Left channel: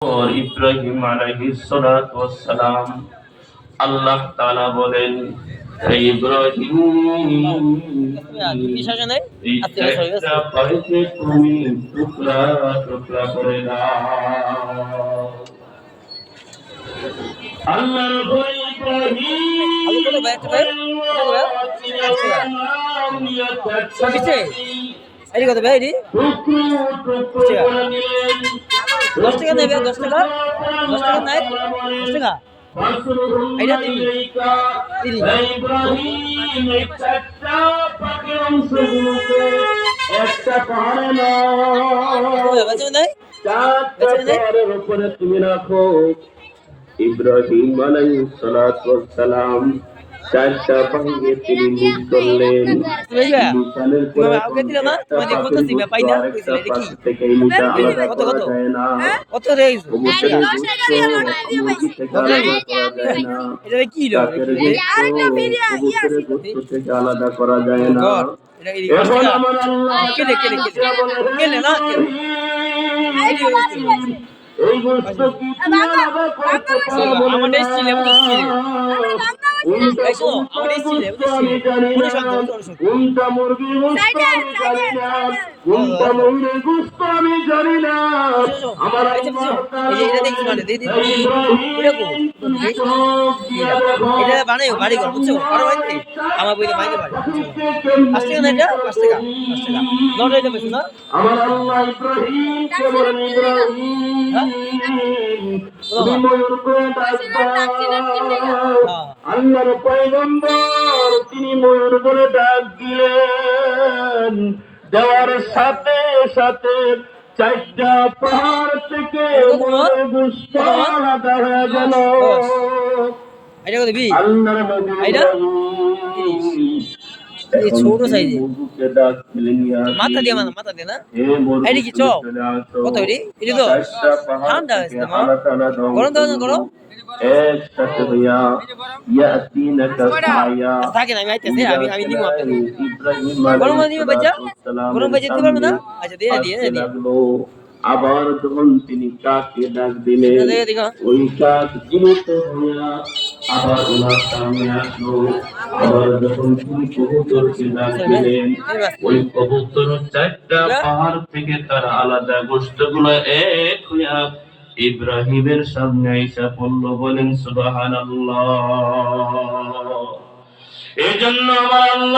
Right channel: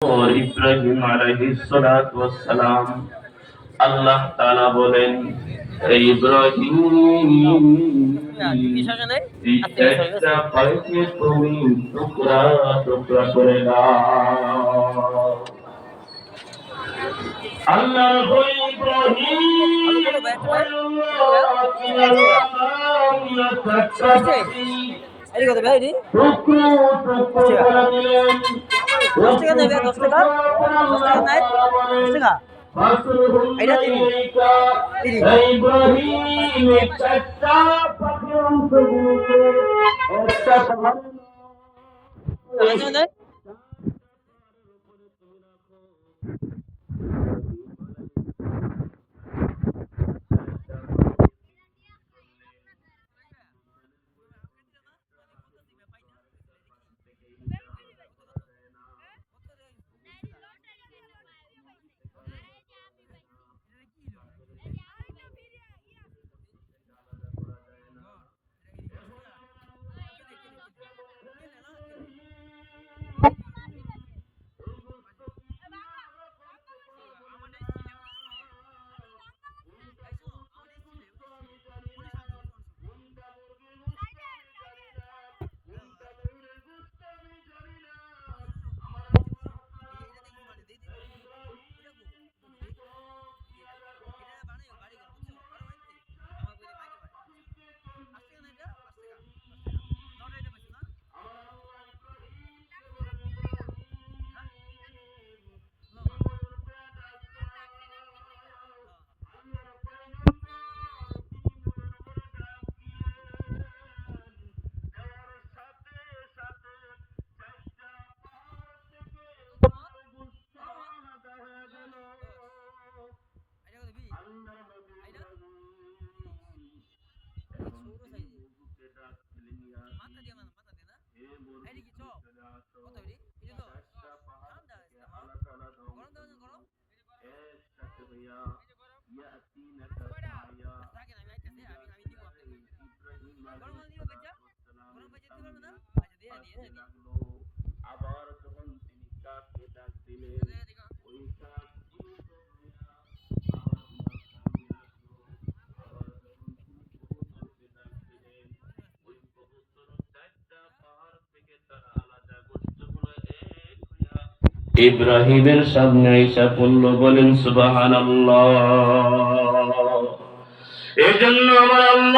और इब्राहिम अलैहिस्सलाम আল্লাহ তাআলা বলেন ইব্রাহিম এই একটা পাইকে তুমি টুকরা টুকরা করে দাও। আল্লাহর ঘর ইব্রাহিম এটি কত ভাই এটি 10 টাকা নেবে 10 টাকা নাই 10 টাকা এটা দিবি ইব্রাহিম একটা পাখি অংশগুলোকে একটা পাহাড়ে না চারটা পাহাড়ের উপরে তুমি রাখো। ইব্রাহিম আলাইহিসসালাম চারটা পাহাড়ে তিনি নিজ করলেন। মিশালের পরে থেকে মিশা আলাদা করা যায় না। থেকে আলাদা করা যায় না। এখন আমার আল্লাহ এই গোশত কি তুমি আলাদা করতে পারবে না। আমাদের ছিল কোনটা মুরগি গোশত আমি জানি না, কোনটা মুরগির গোশত আমি জানি না। আমার এটা বানাই বাড়ি ঘর বুঝছো বড় হইতে আমার বইতে বাইরে বাড়ি 5 টাকা না এটা 5 টাকা 5 টাকা নট এটা বেশি না। আমার আল্লাহ ইব্রাহিম কে বলেন ইব্রাহিম তুমি ময়ূর করে ডাকবা। আল্লাহর পয়গম্বর তিনি ময়ূর করে ডাক দিলেন। দেওয়ার সাথে সাথে চারটা পাহাড় থেকে গোশত আলাদা হয়ে গেল। এটা দিবি আল্লাহর নবী এই ছোট সাইজে মাথা দিয়ে না এটি কি চপ কত এটি তো ঠান্ডা হয়েছে গরম দাও না গরম একসাথে হইয়া ইয়াতিনাকা সায়া থাকে না আমি আইতেছি আমি নিব আপনাকে গরম দিবে বাচ্চা গরম বাচ্চা দিতে পারবে না আচ্ছা দিয়ে আবার যখন তিনি কাককে ডাক দিলেন ওই কাক জীবিত হইয়া আবার ওনার সামনে আসলো। আবার যখন তিনি কবুতরকে ডাক দিলেন ওই কবুতর চারটা পাহাড় থেকে তার আলাদা গোশতগুলো এক হইয়া ইব্রাহিমের সামনে এসে পড়ল। বলেন সুবহানাল্লাহ। এই জন্য আমার আল্লাহ